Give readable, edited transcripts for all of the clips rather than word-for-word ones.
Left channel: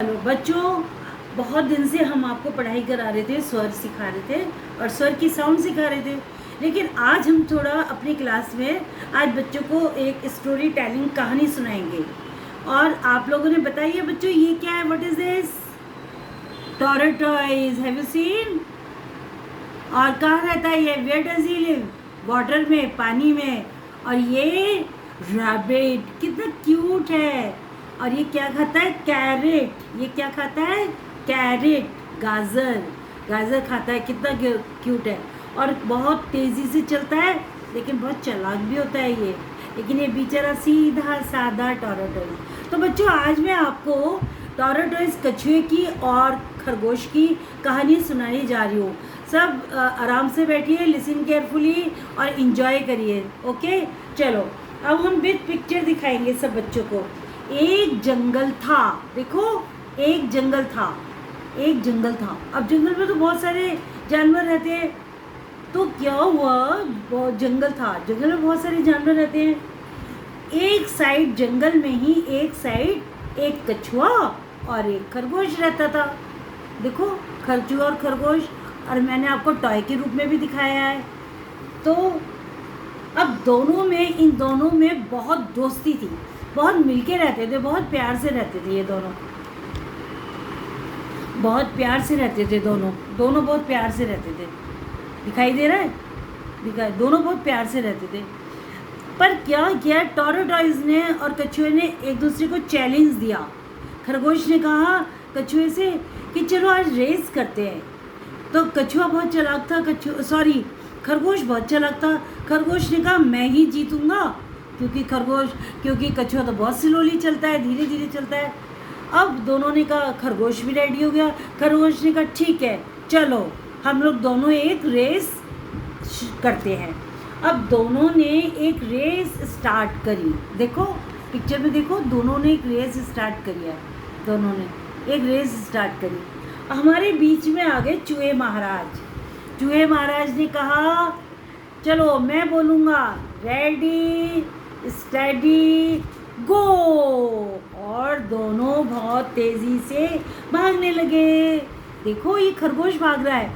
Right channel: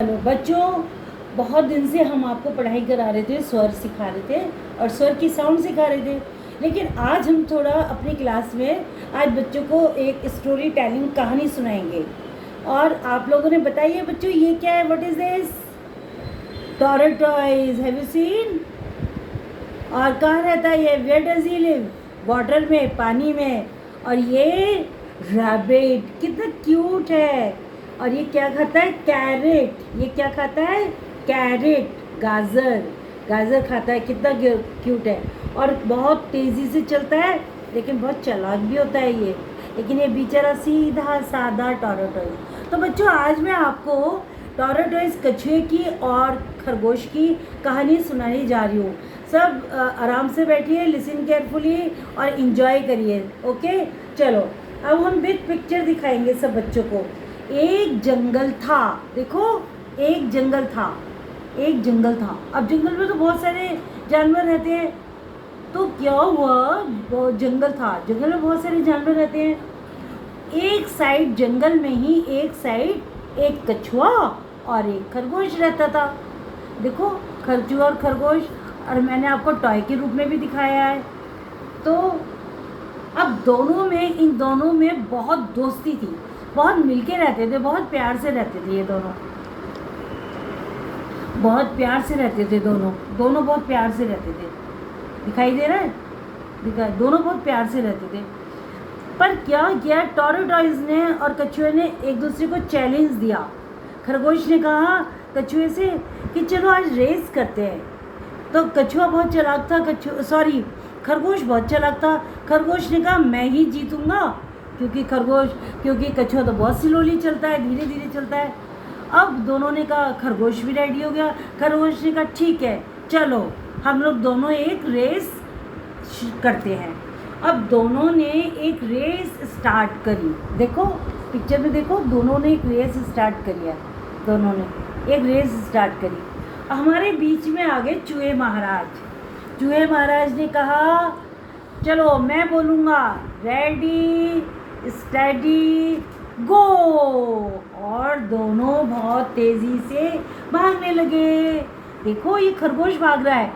Hello बच्चों, बहुत दिन से हम आपको पढ़ाई करा रहे थे, स्वर सिखा रहे थे और स्वर की साउंड सिखा रहे थे। लेकिन आज हम थोड़ा अपनी क्लास में आज बच्चों को एक स्टोरी टेलिंग कहानी सुनाएंगे। और आप लोगों ने बताइए बच्चों, ये क्या है? What is this? Tortoise. Have you seen? और कहाँ रहता है ये? Where does he live? Water में, पानी में। और ये रैबिट कितना क्यूट है। और ये क्या खाता है? कैरेट। ये क्या खाता है? कैरेट, गाजर। गाजर खाता है। कितना क्यूट है। और बहुत तेज़ी से चलता है, लेकिन बहुत चालाक भी होता है ये। लेकिन ये बेचारा सीधा साधा टॉर्टोइज। तो बच्चों, आज मैं आपको टॉर्टोइज, कछुए की और खरगोश की कहानी सुनाने जा रही हूँ। सब आराम से बैठिए, लिसन केयरफुली और इन्जॉय करिए। ओके, चलो अब हम विद पिक्चर दिखाएंगे सब बच्चों को। एक जंगल था। देखो, एक जंगल था, एक जंगल था। अब जंगल में तो बहुत सारे जानवर रहते हैं। तो क्या हुआ? वो जंगल था, जंगल में बहुत सारे जानवर रहते हैं। एक साइड जंगल में ही, एक साइड एक कछुआ और एक खरगोश रहता था। देखो, कछुआ और खरगोश। और मैंने आपको टॉय के रूप में भी दिखाया है। तो अब इन दोनों में बहुत दोस्ती थी, बहुत मिलके रहते थे, बहुत प्यार से रहते थे। ये दोनों बहुत प्यार से रहते थे। दोनों बहुत प्यार से रहते थे। दिखाई दे रहा है? दोनों बहुत प्यार से रहते थे। पर क्या किया टॉर्टोइज ने और कछुए ने? एक दूसरे को चैलेंज दिया। खरगोश ने कहा कछुए से कि चलो आज रेस करते हैं। तो कछुआ बहुत चालाक था, खरगोश बहुत चालाक था। खरगोश ने कहा मैं ही जीतूंगा, क्योंकि कछुआ तो बहुत स्लोली चलता है, धीरे धीरे चलता है। अब दोनों ने कहा, खरगोश भी रेडी हो गया। खरगोश ने कहा ठीक है, चलो हम लोग दोनों एक रेस करते हैं। अब दोनों ने एक रेस स्टार्ट करी। देखो पिक्चर में, देखो दोनों ने एक रेस स्टार्ट करी है। दोनों ने एक रेस स्टार्ट करी। हमारे बीच में आ गए चूहे महाराज। चूहे महाराज ने कहा चलो मैं बोलूँगा, रेडी स्टडी गो। और दोनों बहुत तेज़ी से भागने लगे। देखो, ये खरगोश भाग रहा है।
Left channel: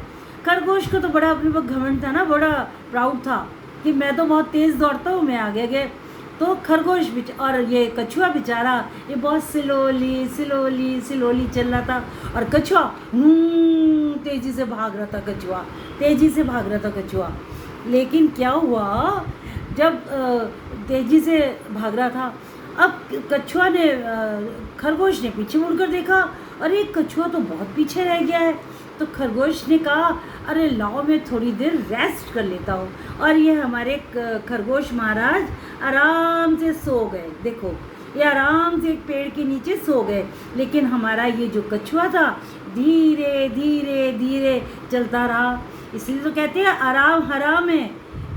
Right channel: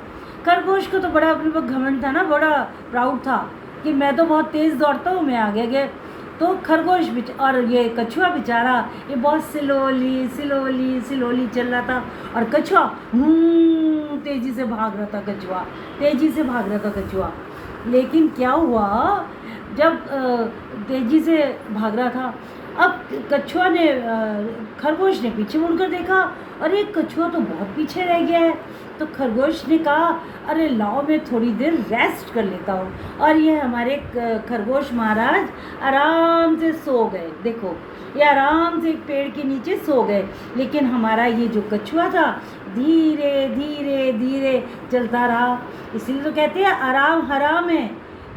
खरगोश को तो बड़ा अपने पर घमंड था ना, बड़ा प्राउड था कि मैं तो बहुत तेज़ दौड़ता हूँ, मैं आगे गए। तो खरगोश और ये कछुआ बेचारा, ये बहुत स्लोली चल रहा था। और कछुआ तेज़ी से भाग रहा था कछुआ। लेकिन क्या हुआ, जब तेज़ी से भाग रहा था, अब कछुआ ने खरगोश ने पीछे मुड़कर देखा, अरे कछुआ तो बहुत पीछे रह गया है। तो खरगोश ने कहा अरे लाओ मैं थोड़ी देर रेस्ट कर लेता हूँ। और ये हमारे खरगोश महाराज आराम से सो गए। देखो, ये आराम से एक पेड़ के नीचे सो गए। लेकिन हमारा ये जो कछुआ था, धीरे धीरे धीरे चलता रहा। इसलिए तो कहते हैं आराम हराम है।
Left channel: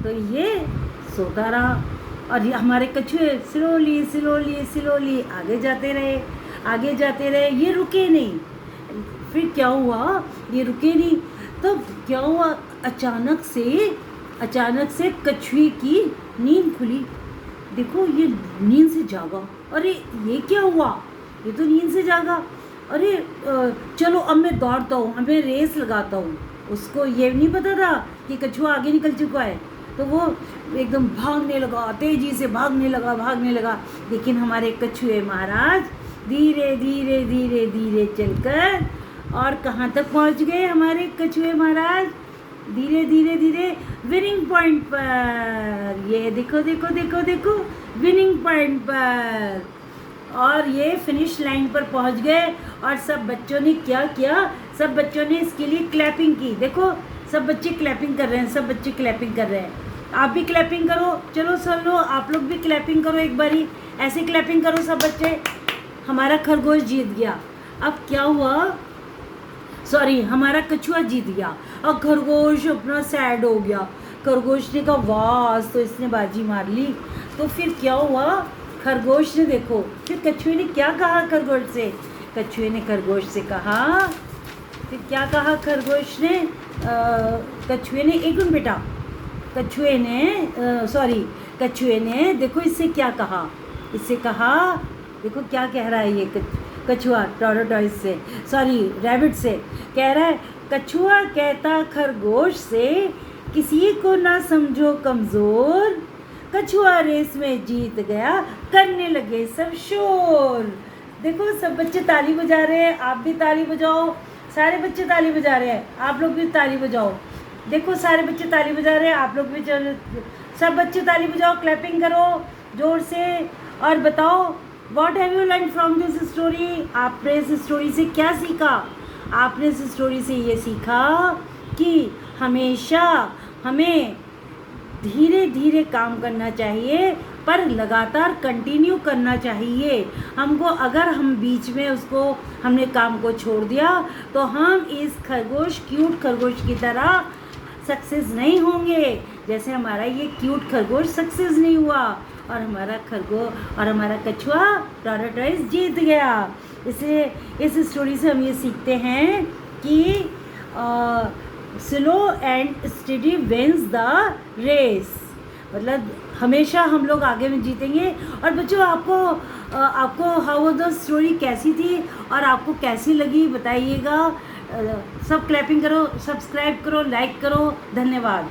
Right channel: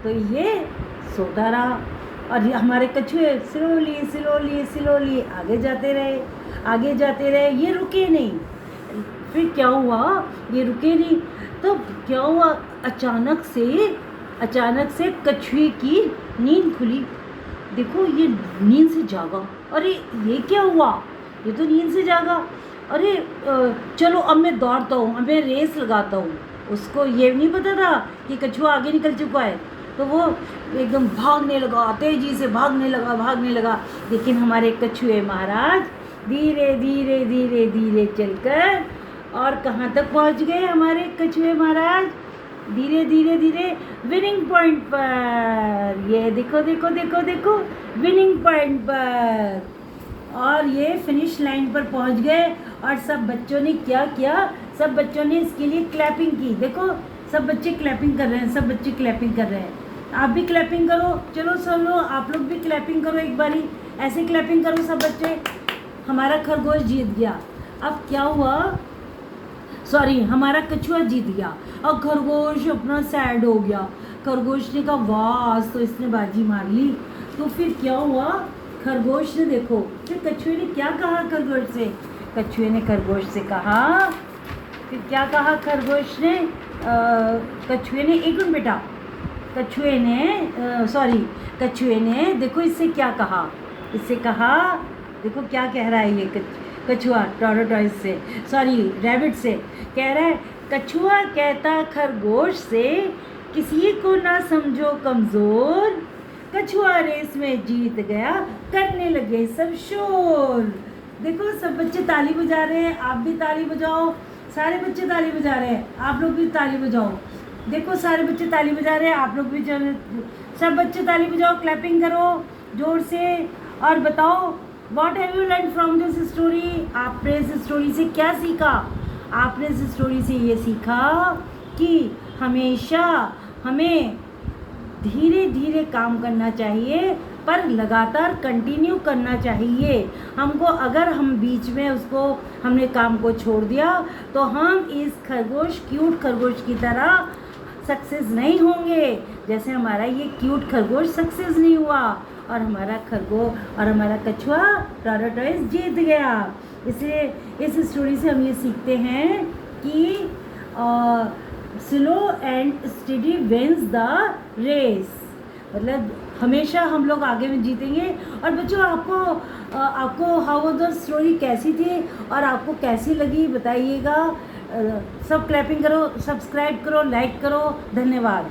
तो ये सोता रहा और ये हमारे कछुए स्लोली आगे जाते रहे। ये रुके नहीं। फिर क्या हुआ? ये रुके नहीं। तो क्या हुआ? अचानक से कछुए की नींद खुली। देखो, ये नींद से जागा। अरे ये क्या हुआ? ये तो नींद से जागा। अरे चलो अब मैं दौड़ता हूँ, अब मैं रेस लगाता हूँ। उसको ये नहीं पता था कि कछुआ आगे निकल चुका है। तो वो एकदम भागने लगा, तेजी से भागने लगा। लेकिन हमारे कछुए महाराज धीरे धीरे चलकर और कहाँ तक पहुँच गए? हमारे कछुए महाराज धीरे धीरे विनिंग पॉइंट पर। ये देखो विनिंग पॉइंट पर। और ये फिनिश लाइन पर पहुंच गए। और सब बच्चों ने क्या किया? सब बच्चों ने इसके लिए क्लैपिंग की। देखो, सब बच्चे क्लैपिंग कर रहे हैं। आप भी क्लैपिंग करो। चलो चलो, आप लोग भी क्लैपिंग करो एक बारी। ऐसे क्लैपिंग करो सब बच्चे। हमारा खरगोश जीत गया। अब क्या हुआ? हमारा कछुआ जीत गया और खरगोश अपना सैड हो गया। खरगोश ने कहा वाह, आज तो इसने बाजी मार ली। तो फिर क्या हुआ? खरगोश ने, देखो फिर कछुए ने क्या कहा खरगोश से? कछुए ने खरगोश से कहा, फिर क्या कहा खरगोश ने? कछुए ने, एक मिनट बेटा, कछुए ने देखो इससे क्या कहा? देखो क्या कह रहा है ये कछुआ टॉर्टोइज से, सॉरी रैबिट से, कह रहा है कछुआ कहता खरगोश से किसी को ना समझो कमज़ोर, कछुआ रेस में जीत गया करने लगे सब शोर। देखो सब बच्चे ताली बजा रहे हैं, आप भी ताली बजाओ, सारे बच्चे ताली बजा रहे हैं, आप लोग भी ताली बजाओ। देखो सारे बच्चे ताली बजा रहे हैं, आप लोग भी सब बच्चे ताली बजाओ, क्लैपिंग करो जोर से और बताओ what have you learn from this story. आपने इस स्टोरी से क्या सीखा? आपने इस स्टोरी से ये सीखा कि हमेशा हमें धीरे धीरे काम करना चाहिए पर लगातार कंटिन्यू करना चाहिए। हमको अगर हम बीच में उसको हमने काम को छोड़ दिया तो हम इस क्यूट खरगोश की तरह सक्सेस नहीं होंगे, जैसे हमारा ये क्यूट खरगोश सक्सेस नहीं हुआ और हमारा कछुआ टॉर्टोइज जीत गया। इसलिए इस स्टोरी से हम ये सीखते हैं कि slow and steady wins the race, मतलब हमेशा हम लोग आगे में जीतेंगे। और बच्चों आपको हाउ द स्टोरी कैसी थी और आपको कैसी लगी बताइएगा। सब क्लैपिंग करो, सब्सक्राइब करो, लाइक करो। धन्यवाद।